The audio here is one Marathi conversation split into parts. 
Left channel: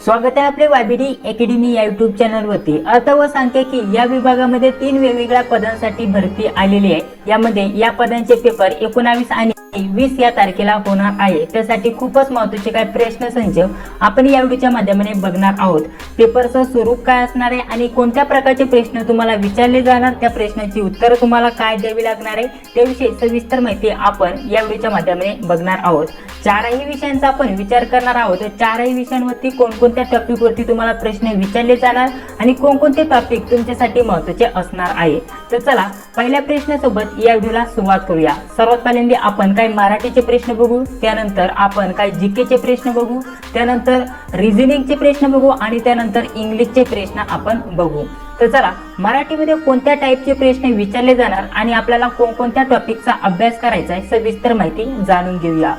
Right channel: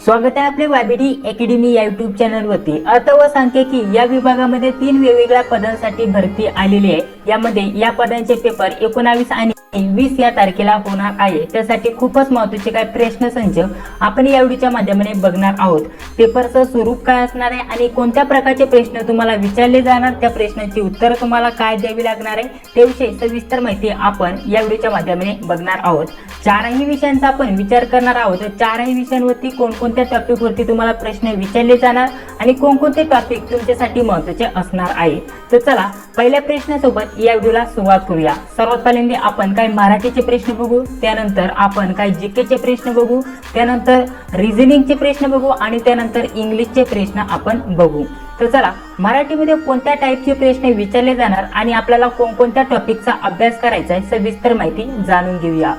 स्वागत आहे आपले वायबीडी अकॅडमी या युट्यूब चॅनलवरती। अर्थ व सांख्यिकी या विभागामध्ये 3 वेगवेगळ्या पदांसाठी भरती आलेली आहे। यामध्ये या पदांचे पेपर 19 आणि 20 या तारखेला होणार आहे। त्यासाठी खूपच महत्त्वाचे काही प्रश्नसंच आपण या व्हिडिओच्या माध्यमाने बघणार आहोत। पेपरचं स्वरूप काय असणार आहे आणि कोणत्या प्रकारचे प्रश्न तुम्हाला विचारले जाणार, त्या प्रश्नांची उत्तर तुम्हाला काय द्यावी लागणार आहे त्याविषयी सविस्तर माहिती आपण या व्हिडिओच्या माध्यमाने बघणार आहोत। चारही विषयांचा आपण विचार करणार आहोत। चारही विषयांवरती कोणकोणत्या टॉपिक वरती तुम्हाला प्रश्न विचारले जाणार आणि कोणकोणते टॉपिक तुमच्यासाठी महत्त्वाचे असणार आहे। तर चला पहिल्या प्रश्नासोबत या व्हिडिओला सुरुवात करूया। सर्वात पहिल्यांदा आपण काही मराठीचे प्रश्न बघू, त्यानंतर आपण काही जीकेचे प्रश्न बघू, त्यानंतर रिझनिंगचे प्रश्न बघू आणि त्यानंतर इंग्लिशचे प्रश्न आपण बघू। तर चला मराठीमध्ये कोणत्या टाईपचे प्रश्न विचारले जाणार आणि आपल्याला कोणकोणत्या टॉपिकचा अभ्यास करायचा आहे सविस्तर माहिती जाणून घेऊया।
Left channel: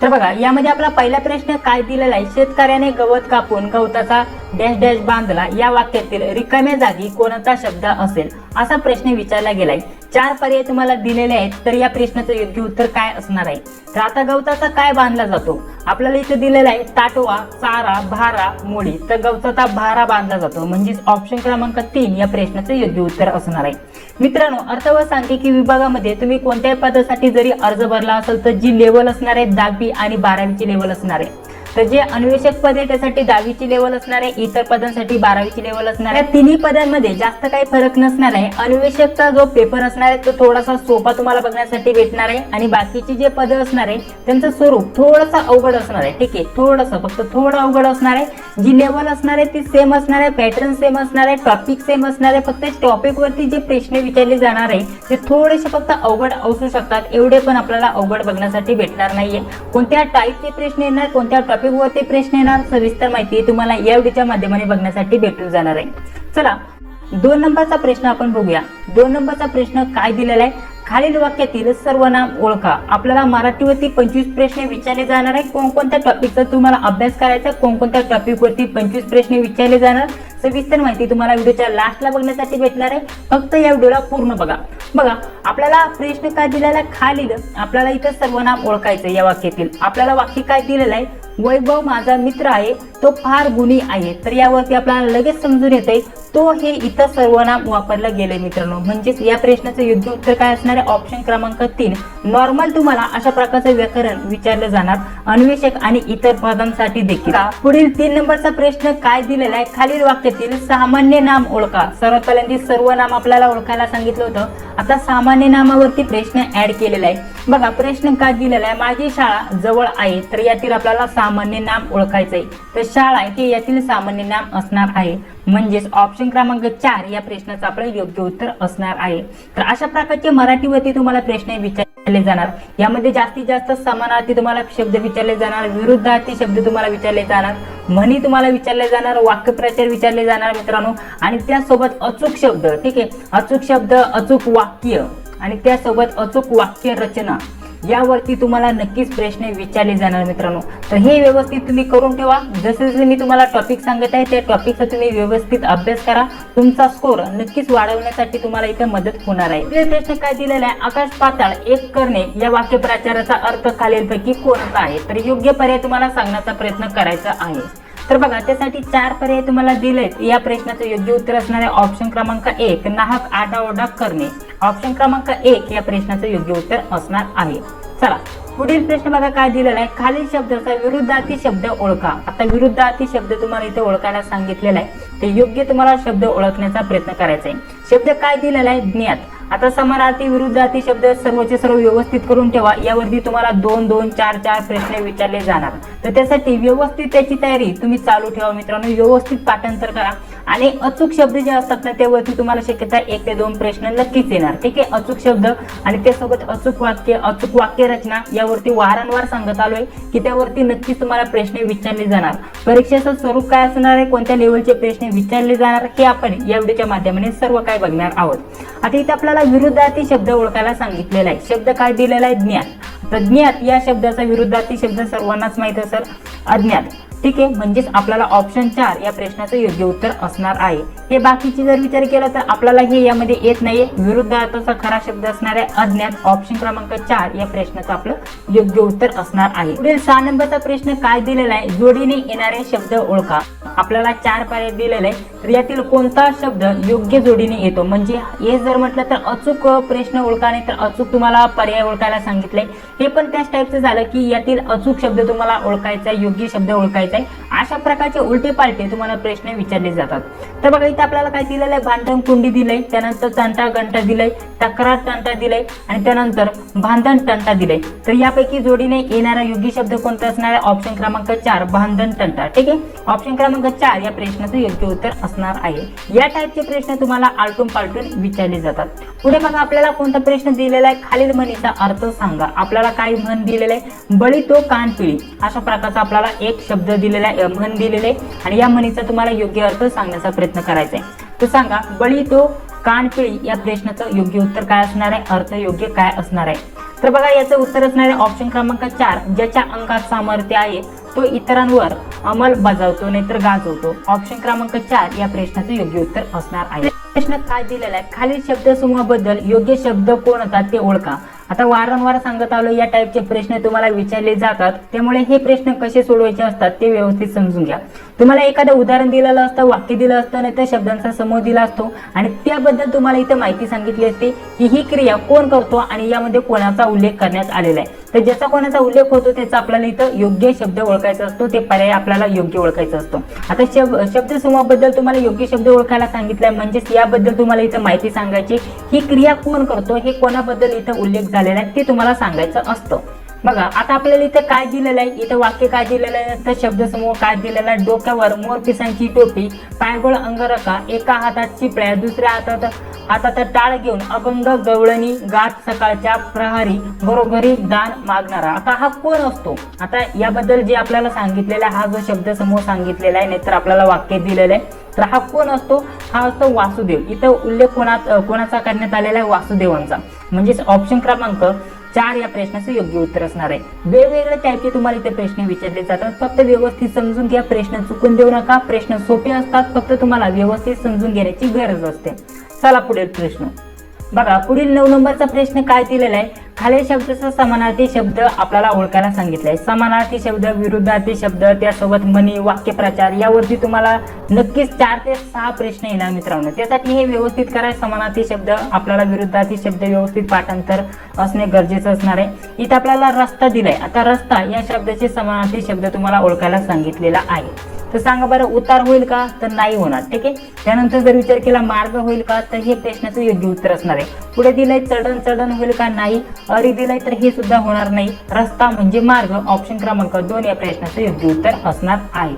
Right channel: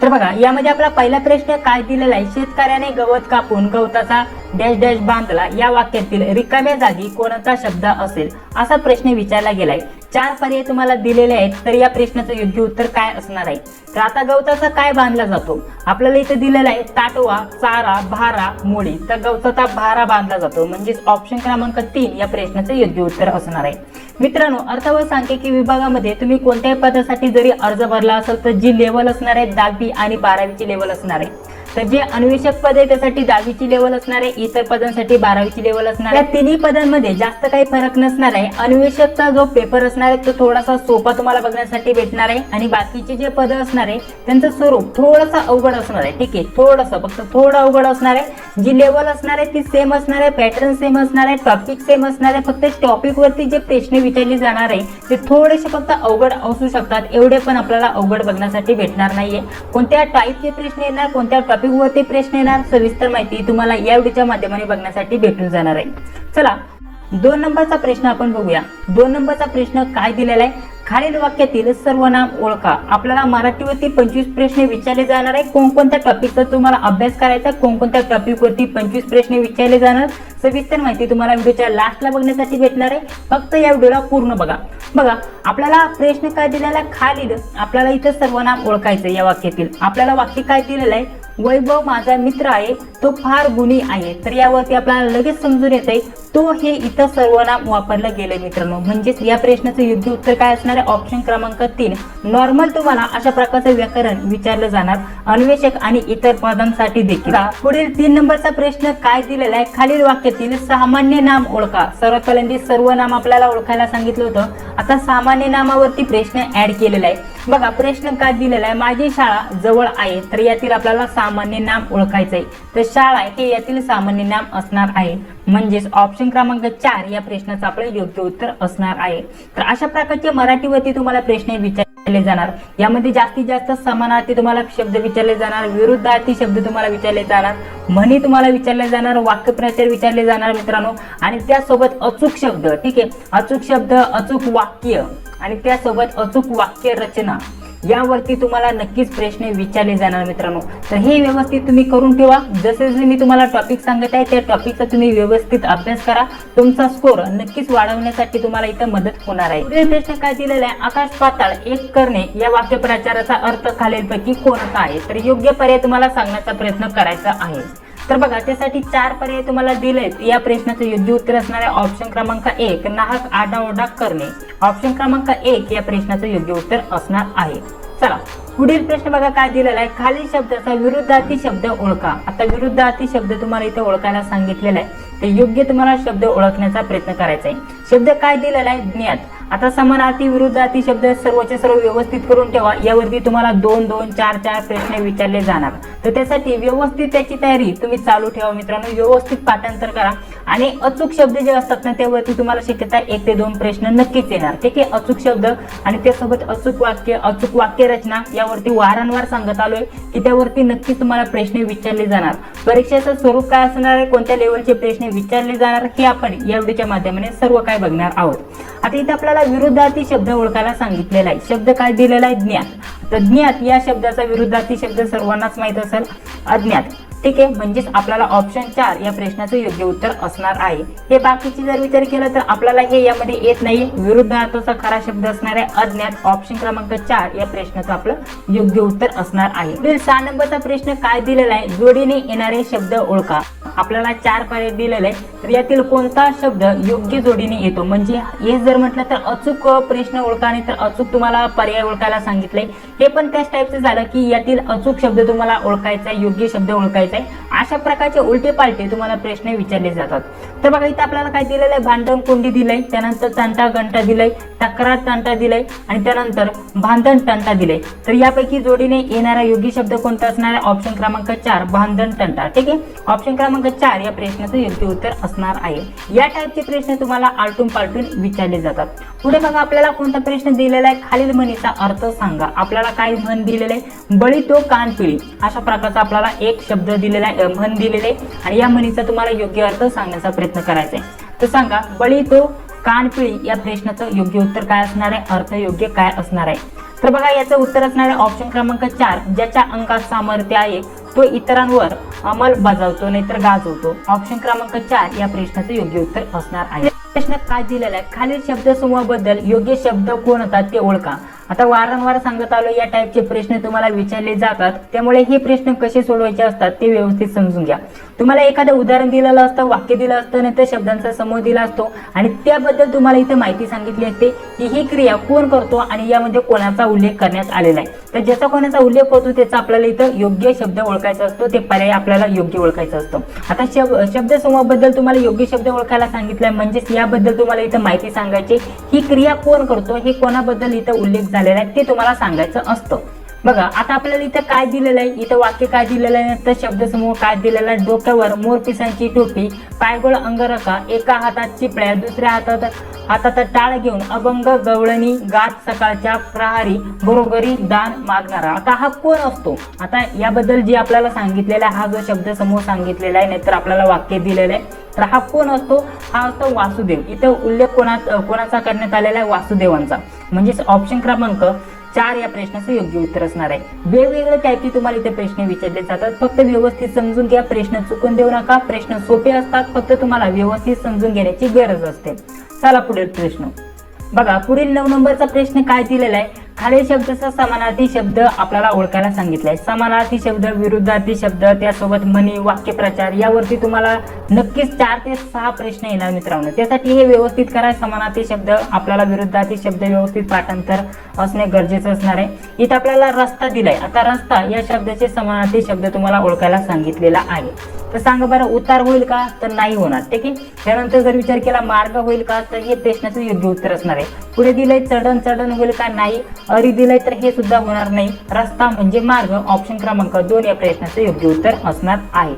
तर बघा यामध्ये आपला पहिला प्रश्न काय दिलेला आहे, शेतकऱ्याने गवत कापून गवताचा डॅश डॅश बांधला, या वाक्यातील रिकाम्या जागी कोणता शब्द असेल असा प्रश्न विचारला गेलाय। 4 पर्याय तुम्हाला दिलेले आहेत, तर या प्रश्नाचं योग्य उत्तर काय असणार आहे। तर आता गवताचा काय बांधला जातो, आपल्याला इथे दिलेला आहे ताटवा, चारा, भारा, मोळी। तर गवताचा भारा बांधला जातो, म्हणजे ऑप्शन क्रमांक 3 या प्रश्नाचं योग्य उत्तर असणार आहे। मित्रांनो अर्थ व सांख्यिकी विभागामध्ये तुम्ही कोणत्याही पदासाठी जरी अर्ज भरला असेल तर जी लेवल असणार आहे 10वी आणि 12वीची लेवल असणार आहे। तर जे अन्वेषक पद आहे त्यासाठी 10वीची लेवल असणार आहे, इतर पदांसाठी 12वीची लेवल असणार आहे। या तिन्ही पदांमध्ये जास्त काही फरक नसणार आहे। अन्वेषकचा जो पेपर असणार आहे तो थोडासा सोपा तुम्हाला बघण्यासाठी भेटणार आहे आणि बाकीची जे पद असणार आहे त्यांचं स्वरूप थोडंसं अवघड असणार आहे। ठीक आहे, थोडंसं फक्त थोडं अवघड असणार आहे। जी लेवल असणार आहे ती सेम असणार आहे, पॅटर्न सेम असणार आहे, टॉपिक सेम असणार आहे। फक्त टॉपिक वरती जे प्रश्न विचारले जाणार आहे ते थोडेसे फक्त अवघड असू शकतात, एवढे पण आपल्याला अवघड बघण्यासाठी भेटणार नाहीये। कोणत्या टाईपचे प्रश्न येणार, कोणत्या टॉपिक वरती प्रश्न येणार, सविस्तर माहिती तुम्हाला या व्हिडिओच्या माध्यमाने बघण्यासाठी भेटून जाणार आहे। चला 2 नंबरचा प्रश्न आपण बघूया। 2 नंबरचा प्रश्न काय दिलेला आहे, खालील वाक्यातील सर्वनाम ओळखा। आपल्याला मराठीवरती 25 प्रश्न विचारले जाणार आहे। कोणकोणत्या टॉपिकचा तुम्हाला अभ्यास करायचा, कोणकोणत्या टॉपिक वरती 25 प्रश्न विचारले जाणार, सविस्तर माहिती तुम्हाला व्हिडिओच्या लास्टला बघण्यासाठी भेटणार आहे। फक्त या व्हिडिओला पूर्ण बघा। बघा आपल्याला प्रश्न काय दिलेला आहे, खालील आपल्याला इथं सर्वनाम ओळखायचं। या वाक्यातील आपल्याला वाक्य काय दिलेलं आहे, वैभव माझा मित्र आहे, तो फार गुणी आहे। तर यावरती आपल्याला लगेच समजून येते तो हे इथं सर्वनाम वापरलं गेले मित्रांनो, म्हणजेच या प्रश्नाचं योग्य उत्तर काय असणार आहे, ऑप्शन क्रमांक 3। नॉर्मल तुम्हाला अशा प्रकारचं व्याकरण विचारलं जाणार अन्वेषक आणि इतर पदांसाठी देखील। पुढील 3 नंबरचा प्रश्न काय दिलेला आहे, खालील वाक्यातील सामान्य नाम ओळखा। सर्वात पहिल्यांदा सर्वनाम आपल्याला ओळखायला सांगितलं होतं, आता सामान्य नामावरती प्रश्न ऍड केलेला आहे। बघा प्रश्न काय दिलेला आहे, माझी शाळा जवळ आहे। तर यातील आपल्याला सामान्य नाम ओळखायचंय। तर शाळा हे यातील सामान्य नाम असणार आहे, म्हणजेच ऑप्शन क्रमांक 4 या प्रश्नाचं आपण योग्य उत्तर असणार आहे। तर अशा प्रकारचे मराठीवरती तुम्हाला प्रश्न विचारले जाणार। यामध्ये जास्तीत जास्त समानार्थी तुम्हाला शब्द विचारले जाणार, विरुद्धार्थी शब्द तुम्हाला विचारले जाणार, म्हणी तुम्हाला विचारले जाणार, वाक्यप्रचार विचारले जाणार मित्रांनो, आणि त्यासोबत अचूक शब्द। ठीक आहे, अचूक शब्द, अचूक वाक्य आणि त्यासोबत अचूक वाक्य रचना यावरती तुम्हाला नक्कीच प्रश्न विचारले जाणार मित्रांनो। तर हे व्यवस्थित तुम्ही करून ठेवा। जसे जसे मी तुम्हाला टॉपिक सांगत आहे त्या टॉपिकचा तुम्ही व्यवस्थित अभ्यास करा, तुमचा स्कोर नक्कीच वाढवण्यासाठी तुम्हाला इथं मदत होणार आहे। हे प्रश्न काय दिलेला आहे, आकाश पाताळ एक करणे या वाक्यप्रचाराचा अर्थ खालीलपैकी कोणता आहे। तर योग्य पर्याय तुम्हाला सांगण्याचा प्रयत्न करायचा आहे। तर बघा त्यासाठी 4 पर्याय तुम्हाला दिलेत। या प्रश्नाचं योग्य उत्तर असणार आहे ऑप्शन क्रमांक 1 नाहक आरडाओरडा करणे। ऑप्शन क्रमांक 1 या प्रश्नाचं योग्य उत्तर असणार आहे। चला पुढील प्रश्न बघा काय दिलेला आहे, खालील शब्दाचा विरुद्धार्थी शब्द ओळखा। आता विरुद्धार्थी शब्द तुम्हाला इथे ओळखायला सांगितलेला आहे, ते योग्य तुम्हाला शब्द ओळखण्याचा प्रयत्न करायचा आहे। शब्द काय दिलेला आहे, ज्ञात। आता समानार्थी विरुद्धार्थी शब्द सर्वचे सर्व व्यवस्थित करून ठेवा। यावरती तुम्हाला 2 2 4 4 प्रश्न विचारले जाणार। तर त्यासाठी व्यवस्थित त्याची तयारी तुम्ही चालू ठेवा मित्रांनो, व्यवस्थित पाठांतर करा आणि अचूक शब्द जे असतात ना त्यावरती तुम्हाला शक्यता 1 ते 2 प्रश्न नक्कीच येणार। ठीक आहे, अचूक शब्द आणि त्यासोबत अचूक वाक्य, अचूक वाक्य रचना यावरती वारंवार सांगत आलोय की त्यावरती नक्कीच तुम्हाला प्रश्न विचारले जाणार। परीक्षेचं स्वरूप काय असणार आहे, कोणत्या लेवलचे प्रश्न विचारले जाणार हे आपण या व्हिडिओच्या माध्यमाने सर्व काय बघणार आहोत। आता इथे आपल्याला विरुद्धार्थी शब्द ओळखायला सांगितलेला आहे। शब्द काय दिलेला आहे, ज्ञात। तर ज्ञात या शब्दाचा विरुद्धार्थी शब्द सर्वांनाच माहित असेल, अज्ञात। ठीक आहे, म्हणजेच आपल्याला ऑप्शन 4 या प्रश्नाचं योग्य उत्तर असणार आहे। हे बाकीची जर विचार केला तर आपल्याला हे यामध्ये येत नाहीये। विरुद्धार्थाचा खरा शब्द असणारे अज्ञात ऑप्शन क्रमांक 4 या प्रश्नाचं आपलं योग्य उत्तर असणार आहे। पुढील 6 नंबरचा प्रश्न काय दिलेला आहे, जोडीने येणारे शब्द ओळखा। आपल्याला 4 पर्याय दिलेले आहे, तर यातील कोणता शब्द योग्य जोडीने येतो, म्हणजे हे जर म्हटलं तर अचूक प्रश्न ओळखा, नाही तर अचूक तुम्हाला पर्याय ओळखायला सांगितले। हे पण त्याच टाईपचं झालं की यातील अचूक शब्द तुम्हाला ओळखायचा, योग्य शब्द ओळखायचा आहे। अशा प्रकारचे उलटे पालटे तुम्हाला प्रश्न विचारले जातात। तर बघा इथे आपल्याला काय दिलेलं आहे, बांधण कुंडी दिलंय, त्यानंतर तंटा घंटा दिलंय, तक्रार तंटा दिलंय आणि त्यानंतर बांधण तंटा दिलंय। तर यापैकी जोडीने येणारा योग्य शब्द कोणता असणार आहे, ऑप्शन क्रमांक 4 बांधण तंटा। ठीक आहे, ऑप्शन क्रमांक 4 या प्रश्नाचं योग्य उत्तर असणार आहे। या टाईपचे प्रश्न तुम्हाला आलटून पालटून विचारले जातात। पुढे बघा आपल्याला कोणता प्रश्न दिलेला आहे, खालील म्हणीचा अर्थ सांगा। आपल्याला काय म्हण दिलेले आहे, बळी तो कान पिळी, अशा प्रकारचा आपल्याला एक शब्द दिलेला आहे, म्हण दिलेले आणि या म्हणीचा तुम्हाला योग्य अर्थ सांगण्याचा प्रयत्न करायचा आहे। तर सांगा, बळी तो कान पिळी या प्रश्नाचं योग्य उत्तर काय असणार आहे, अर्थ योग्य काय असणार आहे। तर बघा याचं उत्तर असणार आहे ऑप्शन क्रमांक 4 ज्याच्या अंगात सामर्थ्य आहे तो इतरांवर अंमल बजावतो नाहीतर गाजवतो। ऑप्शन क्रमांक 4 या प्रश्नाचं योग्य उत्तर असणार आहे। प्रश्न काय दिलेला आहे, खालील शब्दसमूहाबद्दल योग्य शब्द कोणता ते ओळखा। आता वारंवार सांगत आलो या टाईपचे प्रश्न तुम्हाला विचारले जातात, त्यामुळे हे प्रश्न कसे सोडवायचे असतात ते व्यवस्थित समजून घ्या। तुम्हाला एखादं उदाहरण दिलेलं असतं, वाक्य दिलं असतं, नाही तर शब्दांचा समूह दिला असतो आणि त्याबद्दल तुम्हाला इथे माहिती सांगितली असते की ही क्रिया कोण करतो आणि यामध्ये कोणाचा उल्लेख करण्यात आलेला आहे। तर ज्याचा कोणाचा उल्लेख होतो त्याचा आपल्याला इथं योग्य शब्द ओळखायचा असतो, ते पर्याय आपल्याला योग्य ओळखायचा असतो। आता शब्दसमूहाबद्दल तुम्हाला योग्य शब्द ओळखायला सांगितलाय, म्हणजेच याबद्दल तुम्हाला इथं माहिती सांगायची, ही क्रिया कोण करतो, हे कोणाबद्दल इथं उल्लेख झालेला आहे ते तुम्हाला सांगायचं असतं। बघा आता आपल्याला इथं काय दिलेलं आहे, इथं वाक्य काय दिलेलं आहे, तर शब्दसमूह काय दिलेला आहे, डोक्यावर मोरपिसांची टोपी, पायगोळ अंगरखा, एका हातात चिपळ्या, दुसऱ्या हातात टाळ घेऊन अभंग गवळणी गात सकाळच्या प्रहारी बरोबरी दान मागणारा। आता हा कोण असतो, आता याबद्दल जे आपल्याला सांगितलेला हा जो शब्दसमूह सांगितलेला आहे, नाहीतर आपल्याला वाक्य दिलेलं आहे, तर हा कोण असतो, हा असतो वासुदेव। इथं उल्लेख कोणाचा करण्यात आलेला आहे, वासुदेवांचा, म्हणजेच ऑप्शन क्रमांक 4 या प्रश्नाचं योग्य उत्तर असणार आहे। वेगवेगळ्या टाईपचे तुम्हाला इथे प्रश्न विचारले जातात, फक्त व्यवस्थित समजून घ्या, प्रश्न चुकून देऊ नका। प्रश्न सोपे असतात, फक्त तुम्हाला व्यवस्थित समजून घेण्याची गरज असते। चला पुढील प्रश्न बघा, पुढील 9 नंबरचा प्रश्न काय दिलेला आहे, खालील शब्दाचा समानार्थी शब्द आपल्याला ओळखायला सांगितलाय। समानार्थी शब्द, विरुद्धार्थी शब्द, त्यासोबत म्हणी, वाक्यप्रचार यावरती तुम्हाला नक्कीच 4 ते 6 प्रश्न येणार मित्रांनो। त्यासाठी हे व्यवस्थित करा, समानार्थी शब्द आपल्याला विरुद्धार्थी शब्द व्यवस्थित पाठांतर असणे गरजेचं असणार आहे। इथे आपल्याला रस्ता दिलाय, आता रस्ता या शब्दाचे समानार्थी शब्द तुम्हाला ओळखायला सांगितलेला आहे। तर सांगा बरं, उतार होईल का, तर नाही होणार। ठीक आहे, त्यानंतर जर विचार केला मार्ग होईल का, तर हे प्रश्नाचं योग्य उत्तर असणार आहे। पुढे दिलंय चढण होईल का, नाही। अरी दिलंय तर हे सुद्धा होणार नाही। रस्ता म्हणजे मार्ग, ऑप्शन क्रमांक 2 या प्रश्नाचं योग्य उत्तर असणार आहे।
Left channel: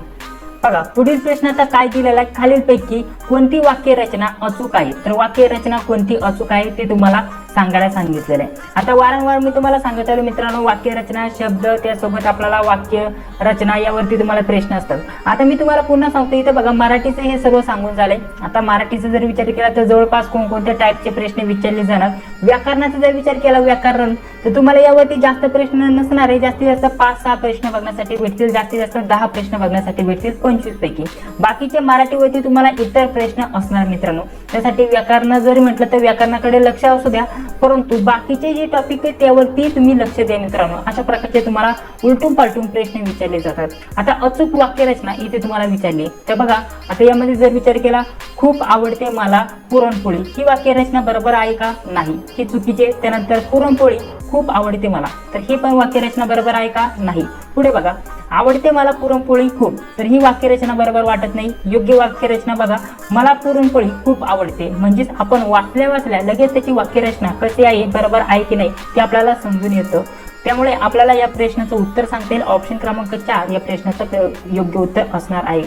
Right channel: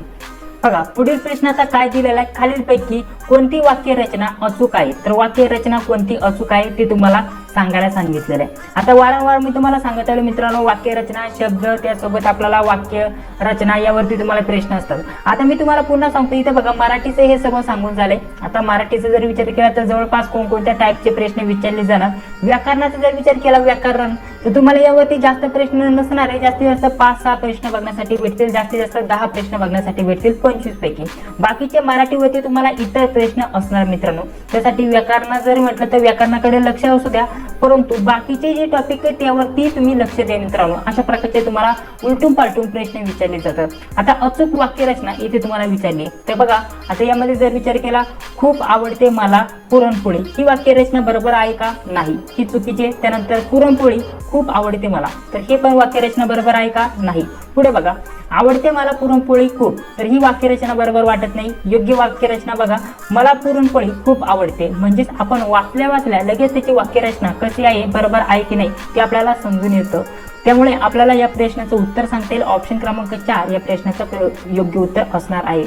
बघा पुढील प्रश्न आता काय दिलेला आहे, खालीलपैकी कोणती वाक्य रचना अचूक आहे, तर वाक्य रचना कोणती अचूक आहे ते तुम्हाला सांगायला सांगितलेलं आहे। आता वारंवार मी तुम्हाला सांगत आहे मित्रांनो, वाक्य रचना शब्द त्यासोबत आपल्याला वाक्य रचना यावरती तुम्हाला प्रश्न असतात। आता मी तुम्हाला पुन्हा सांगतो, इथे बघा मराठीचे हे सर्व सांगून झाले। आता मराठीचा जर विचार केला तर जवळपास कोणकोणत्या टाईपचे प्रश्न विचारले जाणार। व्याकरणाचा जर विचार केला, व्याकरण, तर तुम्हाला यावरती जास्त प्रश्न नसणार आहे, जास्तीत जास्त 5-6 प्रश्न बघण्यासाठी भेटतील, जास्तीत जास्त 10 प्रश्न बघण्यासाठी भेटतील 25 पैकी। बाकीचे मराठीवरती तुम्हाला इतर प्रश्न असणार मित्रांनो। त्यासाठी व्याकरण जर म्हटलं तर व्याकरणाकडे लक्ष असू द्या, परंतु बाकीचे जे टॉपिक आहे त्यावरती तुम्ही लक्ष द्या मित्रांनो। अशा प्रकारचे तुम्हाला उलटून पालटून प्रश्न विचारले जातात। आता अचूक वाक्य रचना इथे तुम्हाला विचारली, तर बघा आता यामध्ये जर विचार केला, खूप आवडते मला पुरणपोळी, ही वाक्य रचना बरोबर आहे का, नाही, ही चुकीची। त्यानंतर पुरणपोळी खूप आवडते मला, तर ही पण वाक्य रचना बरोबर आहे का, नाही। पुढे बघा, आवडते मला पुरणपोळी खूप, तर ही वाक्यरचना बरोबर वाटत नाही। योग्य वाक्यरचना बघा, मला पुरणपोळी खूप आवडते, म्हणजेच आपण वाचल्या लगेच त्याची वाक्यरचना कशी आहे, बरोबर आहे की नाही ते आपल्याला समजून येतं। त्यामुळे आपल्याला या प्रश्नाचं उत्तर सांगता येईल, ऑप्शन क्रमांक 4 या प्रश्नाचं योग्य उत्तर असणार आहे।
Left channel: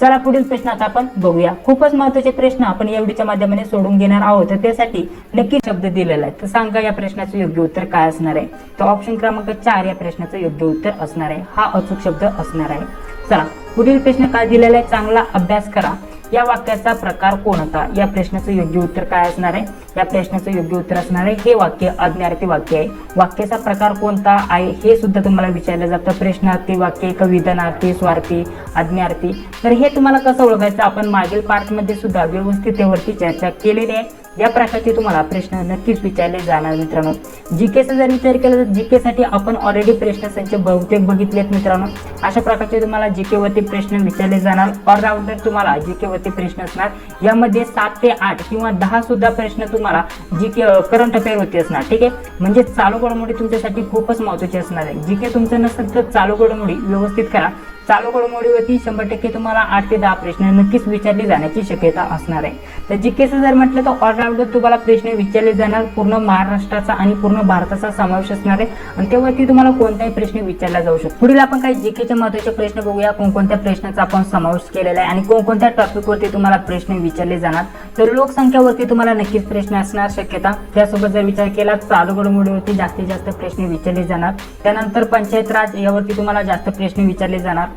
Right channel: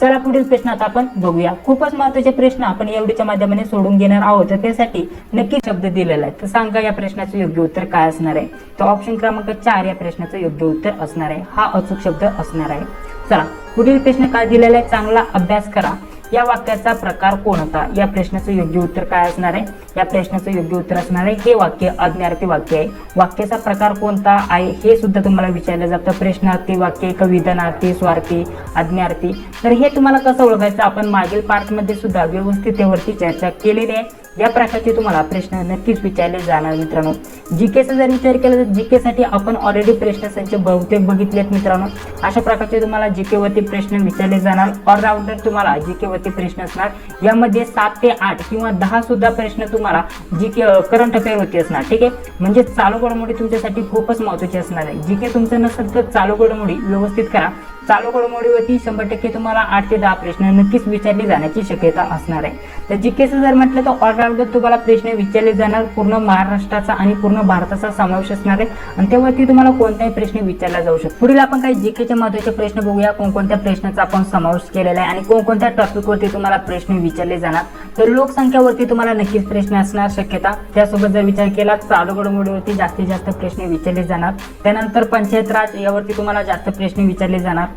चला पुढील प्रश्न आता आपण बघूया। खूपच महत्त्वाचे प्रश्न आपण या व्हिडिओच्या माध्यमाने सोडून घेणार आहोत, तर त्यासाठी नक्की शब्द दिलेला आहे। तर सांगा या प्रश्नाचं योग्य उत्तर काय असणार आहे, तर ऑप्शन क्रमांक 4 या प्रश्नाचं योग्य उत्तर असणार आहे, हा अचूक शब्द असणार आहे। चला पुढील प्रश्न काय दिलेला आहे, चांगला अभ्यास करा। या वाक्याचा प्रकार कोणता? या प्रश्नाचं योग्य उत्तर काय असणार आहे? या प्रश्नाचं योग्य उत्तर असणार आहे हे वाक्य आज्ञार्थी वाक्य आहे. वाक्याचा प्रकार कोणता आहे हे सुद्धा तुम्हाला विचारलं जातं. प्रश्नार्थी वाक्य, विधानार्थी, स्वार्थी, आज्ञार्थी. तर हे तुम्हाला कसं ओळखायचं आपण मागील पार्टमध्ये सुद्धा व्यवस्थित त्यावरती चर्चा केलेली आहे. या प्रकारचे तुम्हाला प्रश्न नक्कीच विचारले जाणार मित्रांनो. जीकेचा जर विचार केला तर जीके साठी आपण ऑलरेडी प्रश्न संच बहुतेक बघितलेत मित्रांनो. अशा प्रकारचे तुम्हाला जीके वरती प्रश्न विचारले जाणार. ऑलराऊंडर तुम्हाला जीके वरती प्रश्न असणार. यामध्ये 7 ते 8 किंवा 10 सुद्धा प्रश्न तुम्हाला जीके करंट अफेअर वरती असणार. ठीक आहे, म्हणजे चालू घडामोडी तुमच्यासाठी खूपच महत्त्वाची असणार आहे. जीके तुमचं नसेल तर चालू घडामोडी व्यवस्थित करा. चालू घडामोडीवरती 100% तुम्हाला 8 ते 10 प्रश्न नक्कीच विचारले जाण्याची शक्यता असणार आहे. तर जीकेचं जर म्हटलं तर ऑलराऊंडर तुम्हाला प्रश्न विचारले जाणार. पूर्ण महाराष्ट्राचा आणि पूर्ण भारताचा समावेश असणार आहे आणि त्यावरती तुम्हाला कोणताही प्रश्न विचारला जाऊ शकतो. पुढील आपण काही जीकेचे महत्त्वाचे प्रश्न बघूया. कोणकोणत्या प्रश्नाचा आपण समावेश केलेला आहे आणि कोणकोणत्या टॉपिकवरती तुम्हाला प्रश्न विचारले जाणार. तर लोकसंख्यावरती तुम्हाला नक्कीच प्रश्न असणार शक्यता. त्यासोबत जर विचार केला चालू घडामोडीवरती जास्तीत जास्त प्रश्न विचारले जाणार. त्यानंतर पंचायत राज यावरती तुम्हाला जास्त प्रश्न विचारले जाणार.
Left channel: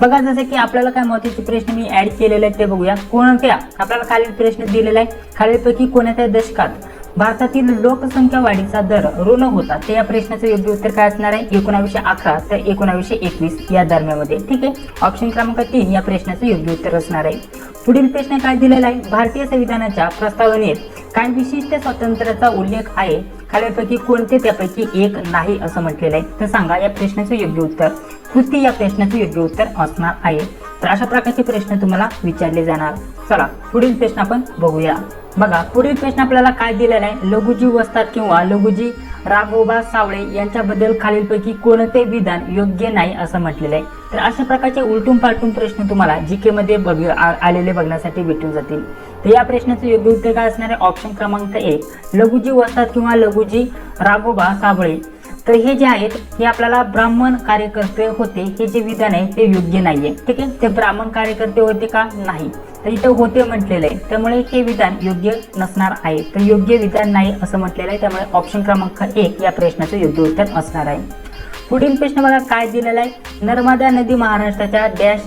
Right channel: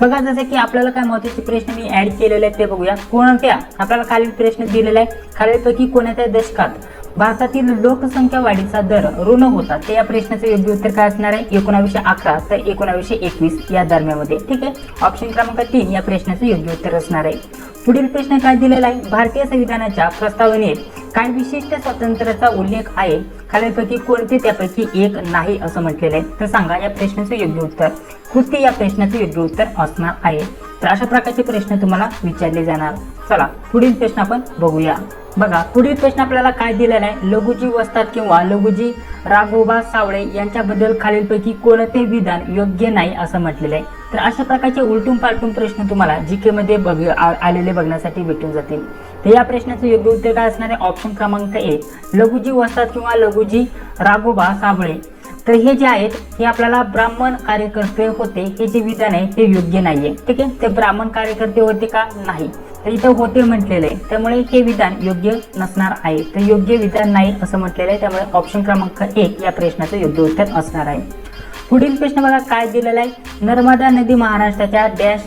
बघा जसे की आपल्याला काय महत्त्वाचे प्रश्न मी ऍड केलेले आहेत ते बघूया. कोणत्या आपल्याला खालील प्रश्न दिलेला आहे. खालीलपैकी कोणत्या दशकात भारतातील लोकसंख्या वाढीचा दर ऋण होता? ते या प्रश्नाचं योग्य उत्तर काय असणार आहे? 1911 ते 1921 या दरम्यानमध्ये. ठीक आहे, ऑप्शन क्रमांक 3 या प्रश्नाचं योग्य उत्तर असणार आहे. पुढील प्रश्न काय दिलेला आहे? भारतीय संविधानाच्या प्रस्तावनेत काय विशिष्ट स्वातंत्र्याचा उल्लेख आहे? खालीलपैकी कोणते त्यापैकी एक नाही असं म्हटलेलं आहे? तर सांगा या प्रश्नाचं योग्य उत्तर. कृती या प्रश्नाचं योग्य उत्तर असणार आहे. तर अशा प्रकारचे प्रश्न तुम्हाला विचारले जाणार. चला पुढील प्रश्न आपण बघूया. बघा पुढील प्रश्न आपल्याला काय दिलेला आहे? लघुजी वस्ताद किंवा लघुजी राघोबा सावळे यांच्याबद्दल खालीलपैकी कोणते विधान योग्य नाही असं म्हटलेलं आहे. तर अशा प्रकारचे उलटून पालटून प्रश्न तुम्हाला जीके मध्ये आलेले बघण्यासाठी भेटून जातील. तर या प्रश्नाचं योग्य उत्तर काय असणार आहे? ऑप्शन क्रमांक 1 लघुजी वस्ताद किंवा लघुजी राघोबा सावळे. तर हे जे आहेत हे आपल्याला ब्राह्मण कार्यकर्ते होते हे जे विधान आहे ते योग्य नाहीये. ठीक आहे, ते ब्राह्मण कार्यकर्ते होते का? नाही. तर इथं होते म्हटलेलं आहे, त्यामुळे हे विधान योग्य नसणार आहे. तर योग्य विधान नाही असं म्हटलेलं आहे, त्यामुळे ऑप्शन क्रमांक 1 या प्रश्नाचं योग्य उत्तर असणार आहे. पुढील प्रश्न बघा काय दिलेला आहे? नर्मदा नदी महाराष्ट्राच्या डॅश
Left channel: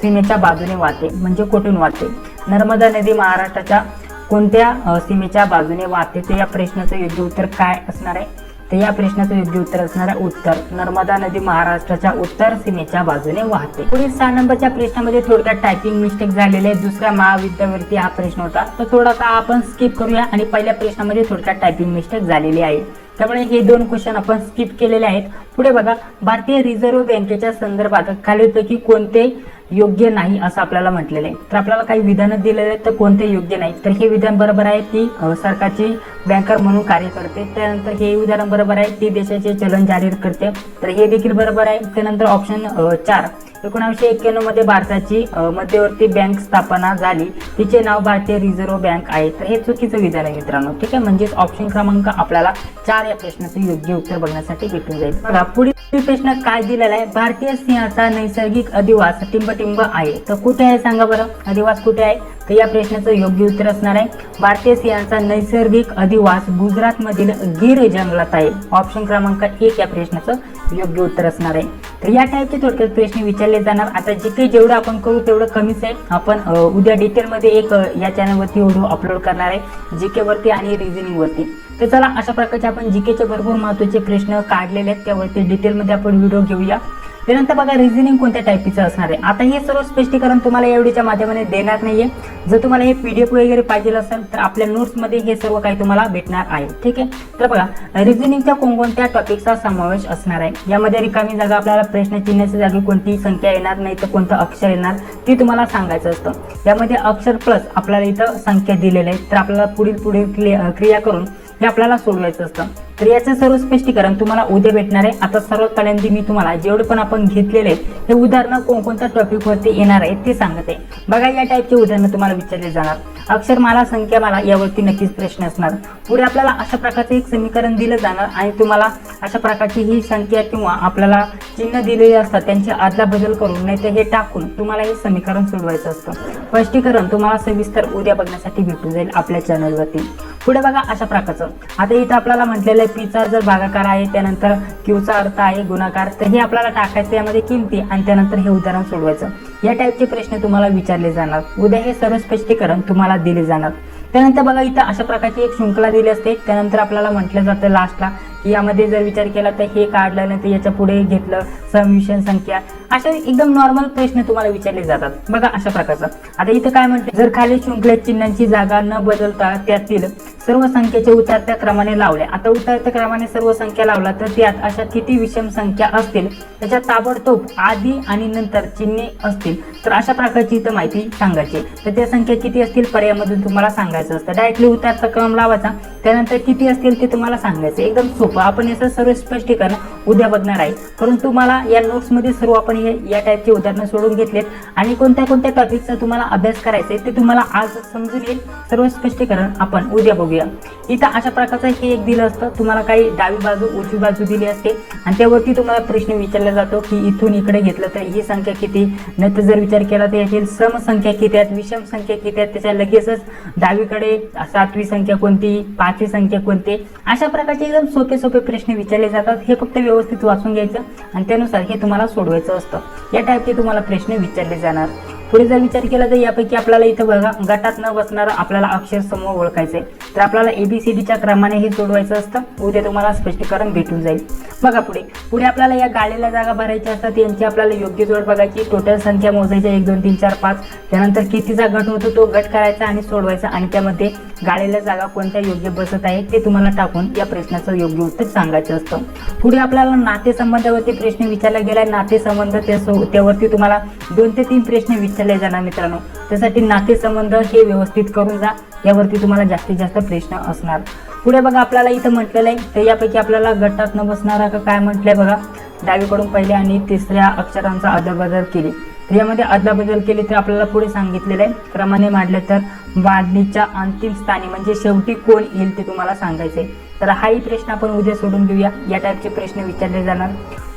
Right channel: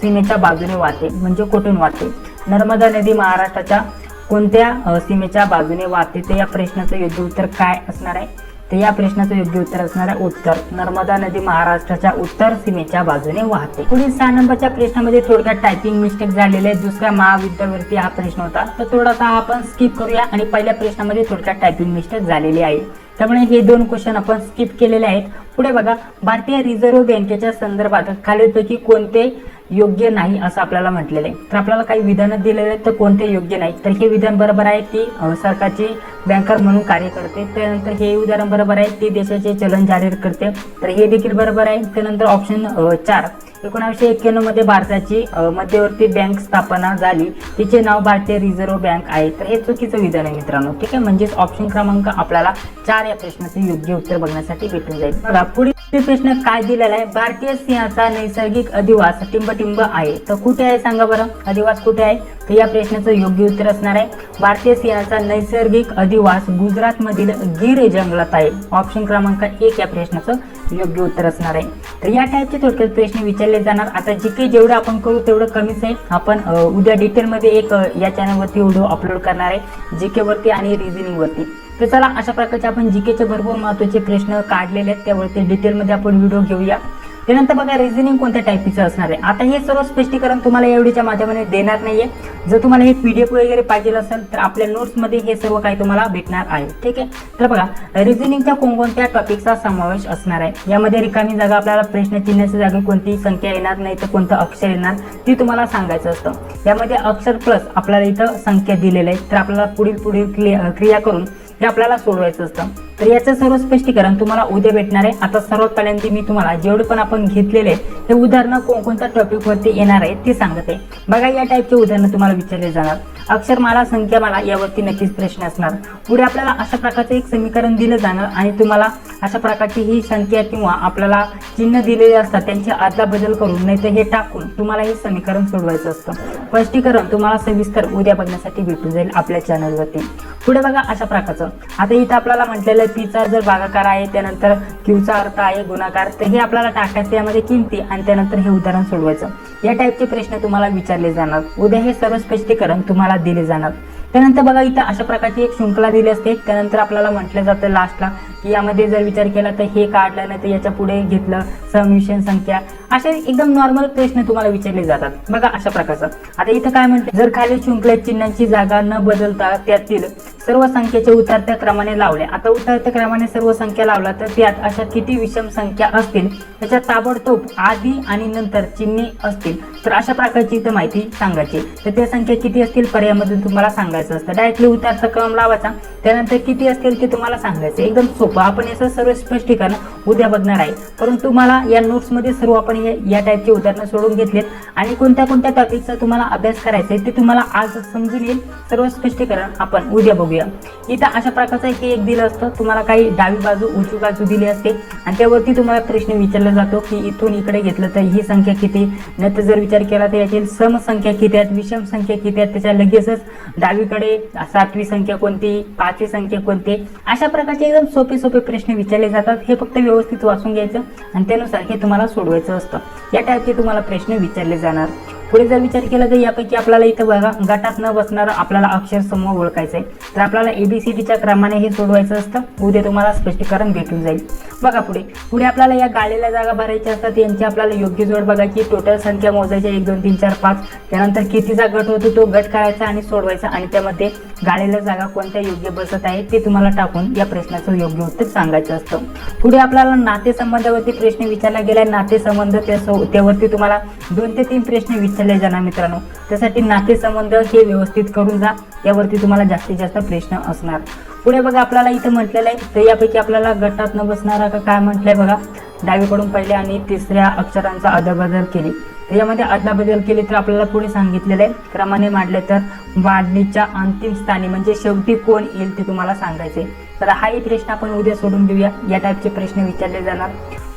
सीमेच्या बाजूने वाहते, म्हणजे कुठून वाहते? नर्मदा नदी महाराष्ट्राच्या कोणत्या सीमेच्या बाजूने वाहते? तर या प्रश्नाचं योग्य उत्तर काय असणार आहे? तर या प्रश्नाचं योग्य उत्तर असणार आहे उत्तर. नर्मदा नदी महाराष्ट्राच्या उत्तर सीमेच्या बाजूने वाहते. पुढील 6 नंबरच्या प्रश्नामध्ये थोडक्यात टायपिंग मिस्टेक झालेले आहे. दुसऱ्या महाविद्यालयावरती हा प्रश्न होता, तर थोडासा आपण स्किप करूया आणि पहिल्या प्रश्नामध्ये थोडक्यात टायपिंग मिस्टेक झालेली आहे, त्यामुळे हे 2 क्वेश्चन आपण स्किप केलेले आहेत. पुढे बघा भारतीय रिझर्व्ह बँकेच्या संदर्भात खालीलपैकी कोणते योग्य नाही असं आपल्याला म्हटलेलं आहे. तर आपल्याला काही विधानं दिलेले आहेत, तर कोणते योग्य नाही? तर हे विधान बरोबर आहे, ती सरकारची बँकर म्हणून कार्य करते. त्यानंतर हे उदाहरण बरोबर आहे, ती देशाचे चलन जारी करते. तर हे देखील बरोबर आहे. त्यानंतर ऑप्शन 4 1991 मध्ये भारताची मध्यवर्ती बँक स्थापना झाली, तिचे नाव भारतीय रिझर्व्ह बँक आहे. तर हे चुकीचं विधान आहे मित्रांनो. ठीक आहे, म्हणजेच ऑप्शन क्रमांक आपल्याला 4 या प्रश्नाचे योग्य उत्तर बघण्यासाठी भेटून जाईल. बघा पुढील प्रश्न काय दिलेला आहे? भारतीय सिंहाचा नैसर्गिक अधिवास टिंबटिंब आहे, तर कुठे आहे सांगा बरं? अधिवास कुठे आहे? तर या प्रश्नाचं योग्य उत्तर असणार आहे भारतीय सिंहाचा नैसर्गिक अधिवास गुजरात मधील गिर जंगलात आहे. ऑप्शन क्रमांक 1 या प्रश्नाचं योग्य उत्तर असणार आहे. तर या टाईपचे थोडक्यात प्रश्न विचारले जाणार. आता जीके जेवढं आपण करू तेवढं कमीच आहे. आपण उद्या डिटेलमध्ये एक या चॅनलवरती व्हिडिओ अपलोड करणार आहे जीके वरती आणि रिझनिंग वरती. तर चला अशा प्रकारचे आपण जीकेचे भरपूर महत्त्वाचे प्रश्न काढलेले आहेत, त्यावरती डिटेलमध्ये आपण व्हिडिओ घेऊया. त्यानंतर बघा रिझनिंग कोणत्या टाईपचं असणार आहे. आता हे सर्व स्पष्टीकरण तुम्हाला या व्हिडिओच्या माध्यमाने देणार नाहीये. जर तुम्हाला हे PDF वगैरे पाहिजे असेल तर आपल्या नोट्समध्ये हे सर्व काही तुम्हाला भेटणार आहे. ठीक आहे, तर बघा रिझनिंगच्या कोणकोणत्या टॉपिकचा समावेश असणार आहे. यामध्ये रिकामी जागा आपल्याला प्रश्न चिन्हाच्या जागी कोणती संख्या येणार नाही तर कोणतं अक्षर येणार ती तुम्हाला सांगायचं असतं. यामध्ये अक्षर प्लस आपल्याला इथं संख्या दिलेल्या आहेत, तर आपल्याला पुढील क्रिया करून हे आपल्याला सोडवायचं असतं. तर याचं सर्व स्पष्टीकरण तुम्हाला उद्या भेटणार आहे. आता सर्वात पहिल्यांदा मी तुम्हाला जेवढे पण आपण घेतलेले आहेत हे उदाहरणं कोणकोणत्या टॉपिक वरती येणार आहेत ते सांगते. बघा या टाईपचे उदाहरणं तुम्हाला विचारले जाणार. अक्षरमाला, संख्यामाला यावरती नक्कीच प्रश्न असणार. पुढे आपल्याला अशा प्रकारचे एक समीकरण दिलं जाणार आणि तुम्हाला अशा प्रकारची ही संख्या किंवा आपल्याला चिन्ह दिलेले असतात त्यांची आदला बदल करून नाही तर हे टाकून तुम्हाला हे समीकरण सोडवायचं असतं. स्पष्टीकरण तुम्हाला सविस्तर उद्या बघण्यासाठी भेटून जाईल आपल्या चॅनलवरती. पुढे बघा अशा प्रकारचं आता इथं आपल्याला म्हटलेलं आहे पीचा जर भागाकार आहे, त्यानंतर क्यूचा अर्थ आहे गुणाकार, तर हे आपल्याला टाकायचं यामध्ये किमती आणि त्यानंतर हे उदाहरण सोडवायचं. या टाईपचे प्रश्न तुम्हाला विचारले विचारले जाणार. उद्या हे सर्व स्पष्टीकरण तुम्हाला दिले जाणार. त्यानंतर बघा इथं अशा प्रकारची एक शृंखला दिली असते. त्यानंतर आपल्याला म्हटलं जातं लास्टला की यामध्ये जर विचार केला तर हे काढलं नाही तर याच्या पुढे घेतलं, समिशन संख्या, अशा एकदम नॉर्मल प्रश्न तुम्हाला विचारले जातात. बघा अशा प्रकारचं. आता इथं काय म्हणते, जर खाली शृंखलेत चिन्हांची जागा न बदलता त्यातील सर्व संख्येचे उतरत्या क्रमाने लावले. आता उतरत्या क्रमाने सर्व संख्या लावला तर त्यात अशा किती विषम संख्या असतील त्याच्या ताबडतोब आधी आणि नंतर चिन्हे असतील. तर अशा प्रकारची इथं माहिती सांगायची. तर त्या संख्या किती असतील पर्यायामधून तुम्हाला सांगायचं असतं. डायरेक्टली उतरता क्रम लावायचा, त्यानंतर किती असतील ते तुम्हाला सांगायचं. एकदम सोपं. आपण याचं सर्व स्पष्टीकरण उद्या बघणार आहे, परंतु मला या नोट्समध्ये सर्व आपण या टाईपचे उदाहरणं सोडून घेतलेत आणि कोणत्या कोणत्या टॉपिकचा तुम्हाला अभ्यास करायचा आहे ते तुम्हाला आज समजून येईल. सर्व स्पष्टीकरण आपण उद्या बघूया. इथं अशा प्रकारचं हे एक दिलं असतं. तुम्हाला काही डावी बाजू उजवी बाजू दिली असते आणि त्यावरती तुम्हाला प्रश्न विचारला जातो की इथून इकडे घेतलं तर ही संख्या किती, नंतर जर विचार केला तर यातील सम संख्या किती आहेत, विषम संख्या किती आहेत, त्याच्या लगेचच डावीकडे 7वी संख्या कोणती, 5वी संख्या कोणती, अशा प्रकारचे एकदम सोपे सोपे प्रश्न विचारले जातात. हे फक्त व्यवस्थित वाचून घ्यायचं आणि त्यानुसार हे तुम्हाला सोडवायचं असतं. या टाईपचे तुम्हाला प्रश्न विचारले जाणार. पुढे जर विचार केला तर यापैकी आपल्याला इथं बघा गटात न बसणारं आपल्याला अक्षर समूह ओळखायचंय. तर आपल्याला ABCDच्या क्रमाने हे सोडवायचं असतं. उद्या तुम्हाला स्पष्टीकरण भेटून जाईल. बघा पुढे पुढे आपल्याला या गाळलेल्या जागा भरायच्या असतात. यांची आपल्याला योग्य जोड बघायची, टोटल संख्या मोजायच्या 1 2 3 4 5. त्यानंतर कितीचा गट होतो तो गट करायचा आणि सोडवायचा आणि त्यामध्ये गाळलेल्या जागा कोणत्या योग्य बसत आहे ते तुम्हाला टाकून या प्रश्नाचं योग्य उत्तर सांगायचं असतं. पुढे आपल्याला नातेसंबंधावरती प्रश्न विचारला गेलाय. नातेसंबंध त्यावरती तुम्हाला 2 ते 3 प्रश्न विचारले जाणार मित्रांनो. त्यासाठी नातेसंबंध हे व्यवस्थित करून जा. यावरती तुम्हाला जास्तीत जास्त प्रश्न असणार. पुढे बघा आपल्याला इथं म्हटलेलं आहे तर यापैकी आपल्याला गटात न बसणारा का काय म्हटलंय बघा, डावीकडून पहिल्या आणि तिसऱ्या अक्षरांचा अदलाबदल केली. तर यामध्ये अदलाबदल केली तर आपल्याला पुढे सांगितलेलं आहे क्रमाने मांडले तर वाढणीच्या अंतिम स्थानी म्हणजे शेवटी कोण येईल ते तुम्हाला सांगायचंय. तर हाही प्रश्न आपण उद्या सोडून देऊया. या टाईपचे प्रश्न विचारले जाणार.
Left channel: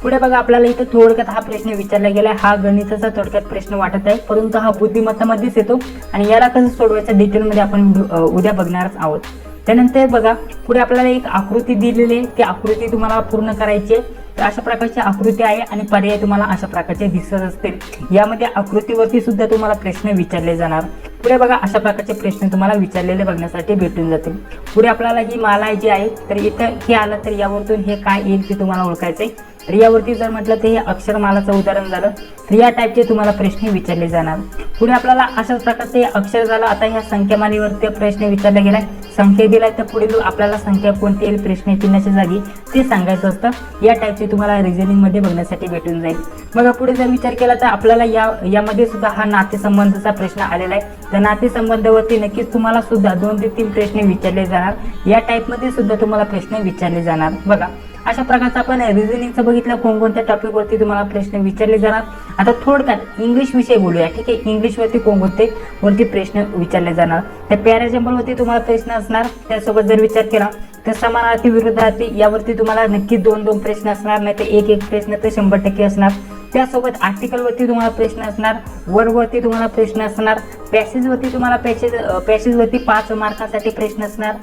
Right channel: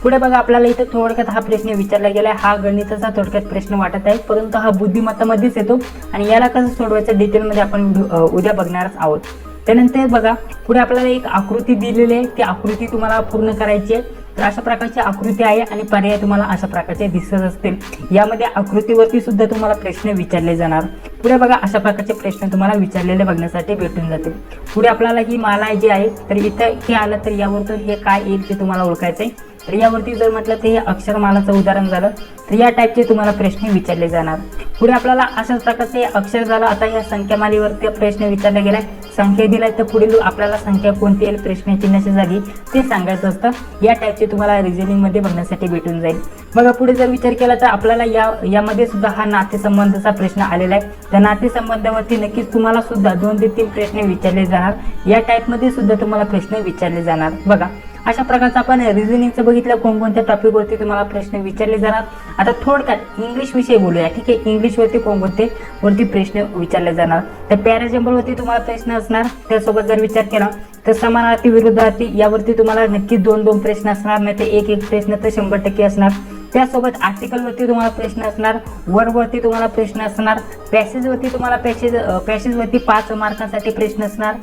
पुढे बघा आपल्याला इथं थोडक्यात हा प्रश्न विचारला गेलाय. हा गणिताचा थोडक्यात प्रश्न वाटत आहे, परंतु हा बुद्धिमत्तामध्येच येतो आणि याला कसं सोडवायचं डिटेलमध्ये आपण उद्या बघणारच आहोत. त्यानंतर बघा पुढे आपल्याला एक आकृती दिलेली आहे. ती आकृती तुम्हाला पूर्ण करायची आहे. तर अशा प्रकारची आकृती आहे आणि पर्याय तुम्हाला अशा प्रकारचे दिसत असतील. यामध्ये आकृतीवरती सुद्धा तुम्हाला प्रश्न विचारले जाणार. पुढे बघा अशा प्रकारचे प्रश्न तुम्हाला विचारलेले बघण्यासाठी भेटून जातील. पुढे आपल्याला ही माला जी आहे तर इथं हे आलं तर यावरतून हे काय येईल ते तुम्हाला ओळखायचंय. तर यावरती जर म्हटलं तर हे अक्षरमालाचं उदाहरण झालं तर या टाईपचे तुम्हाला प्रश्न विचारले जाणार. पुढे आपल्याला अशाच प्रकारचे अक्षर झालं. आता या संख्यामालेवरती प्रश्न विचारला गेलाय. संख्या दिलाय तर पुढील आपल्याला संख्या कोणती येईल प्रश्न चिन्हाच्या जागी ते सांगायचं असतं. या टाईपचे तुम्हाला रिझनिंग मध्ये बघण्यासाठी भेटून जाईल. बघा पुढे जर विचार केला तर आपल्याला यामध्ये सुद्धा हा नातेसंबंधाचा प्रश्न आलेला आहे. त्या नातेसंबंधावरती नक्कीच तुम्हाला सुद्धा 2 ते 3 प्रश्न विचारले जाणार. या टाईप मध्ये सुद्धा तुम्हाला प्रश्न विचारले जाणार. बघा अशा प्रकारचा आपण रिझनिंगचं बघितलं कोणकोणत्या टॉपिकवरती तुम्हाला प्रश्न विचारले जाणार. आता थोडक्यात इंग्लिश विषय बोलूया. ठीक आहे, इंग्लिशवरती कोणकोणते वरती प्रश्न विचारले जाणार. तर पॅराजंबलवरती तुम्हाला प्रश्न असणार. त्यासोबत जर विचार केला तर समानार्थी विरुद्धार्थी यावरती तुम्हाला नक्कीच 2-2 प्रश्न असणार, नाही तर एक प्रश्न तर 100% असणार. त्यासोबत आर्टिकलवरती तुम्हाला प्रश्न असणार. वर्बवरती तुम्हाला प्रश्न असणार. पॅसेजवरती तुम्हाला पॅसेजवरती 5 मार्कांसाठी प्रश्न असणार.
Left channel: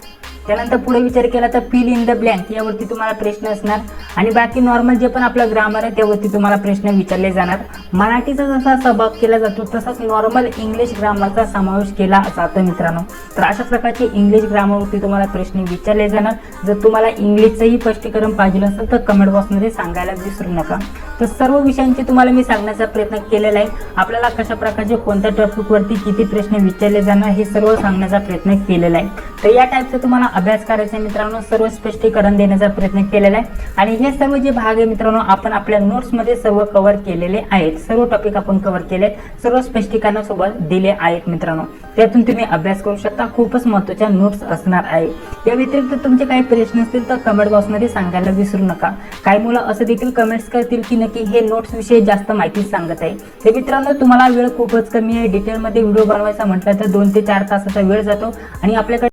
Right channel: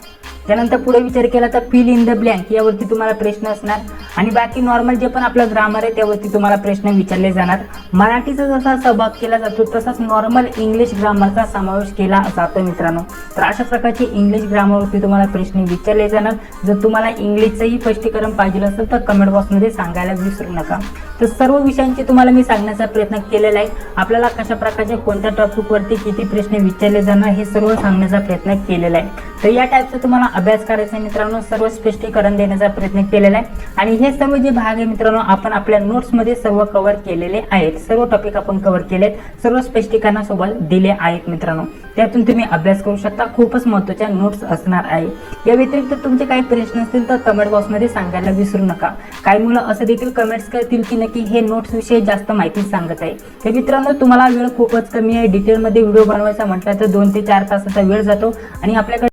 त्यानंतर पुढे विचार केला तर फिल इन द ब्लँक यावरती तुम्हाला प्रश्न असणार आणि बाकी नॉर्मल जे पण आपलं ग्रामर आहे त्यावरती तुम्हाला प्रश्न विचारले जाणार. मराठीचा जसा सहभाग केला जातो तसाच नॉर्मल इंग्लिश ग्रामरचा समावेश केला जातो मित्रांनो. तर अशा प्रकारचे इंग्लिश ग्रामरवरती तुम्हाला प्रश्न विचारले जाणार. जर तुम्हाला इंग्लिशचंही स्पष्टीकरण पाहिजे असेल तर कमेंट बॉक्समध्ये सांगायला विसरू नका. तर सर्व विषयांचे तुम्हाला मी सांगण्याचा प्रयत्न केलेला आहे. आपल्याला कशा प्रकारचे कोणत्या टॉपिकवरती किती प्रश्न विचारले जाणार हे सर्व सांगण्याचा प्रयत्न केलेला आहे. तर या टाईपचं तुम्हाला अभ्यास करायचा मित्रांनो. सर्व स्पष्टीकरण देण्याचा प्रयत्न केलेला आहे आणि हे सर्व जे भाग आहे मित्रांनो आपण आपल्या नोट्समध्ये सर्व कव्हर केलेले आहेत. सर्व टॉपिक आपण कव्हर केलेत, सर्व स्पष्टीकरणासोबत दिले आहेत मित्रांनो. त्यातून तुम्ही अभ्यास करू शकता. खूपच महत्त्वाच्या नोट्स असणार आहे. या व्यतिरिक्त तुमचे काही प्रश्न असतील तर कमेंट बॉक्समध्ये सांगायला विसरू नका. काही मुलं असं देखील कमेंट्स करतील की नक्की हे नोट्स विषयी जास्त माहिती सांगत आहे. तर मित्रांनो तुम्हाला वेळ खूपच कमी आहे. डिटेलमध्ये व्हिडिओ बनवायचा म्हटलं तर 2 ते 4 तासाचा वेळ जातो आणि आपल्याकडे